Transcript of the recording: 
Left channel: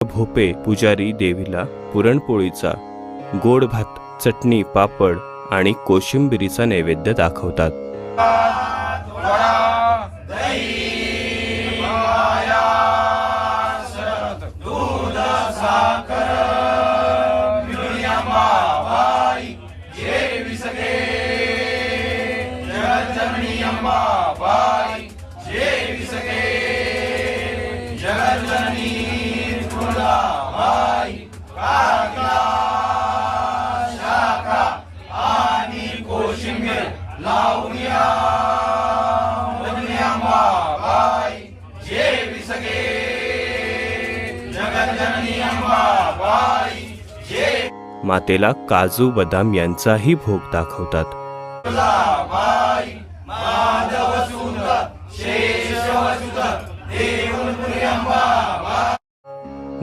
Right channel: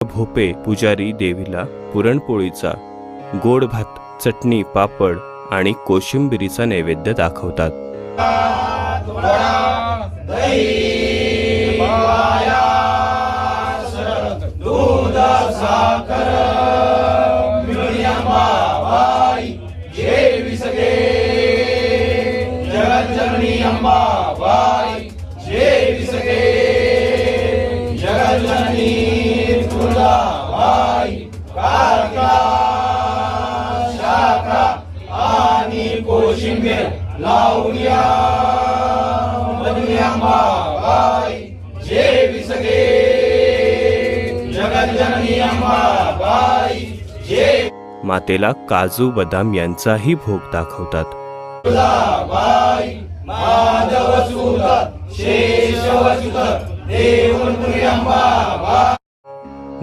भोपे पुजारी देवीला पुरणपोळीचा, गोड भात, चटणी, पापड आणि कोशिंबिरीचा नैवेद्य दाखवतात. मातेला काजू बदाम यांचाही भोग दाखवतात. माधव सुत शेषवसुत देवपुरी अंबा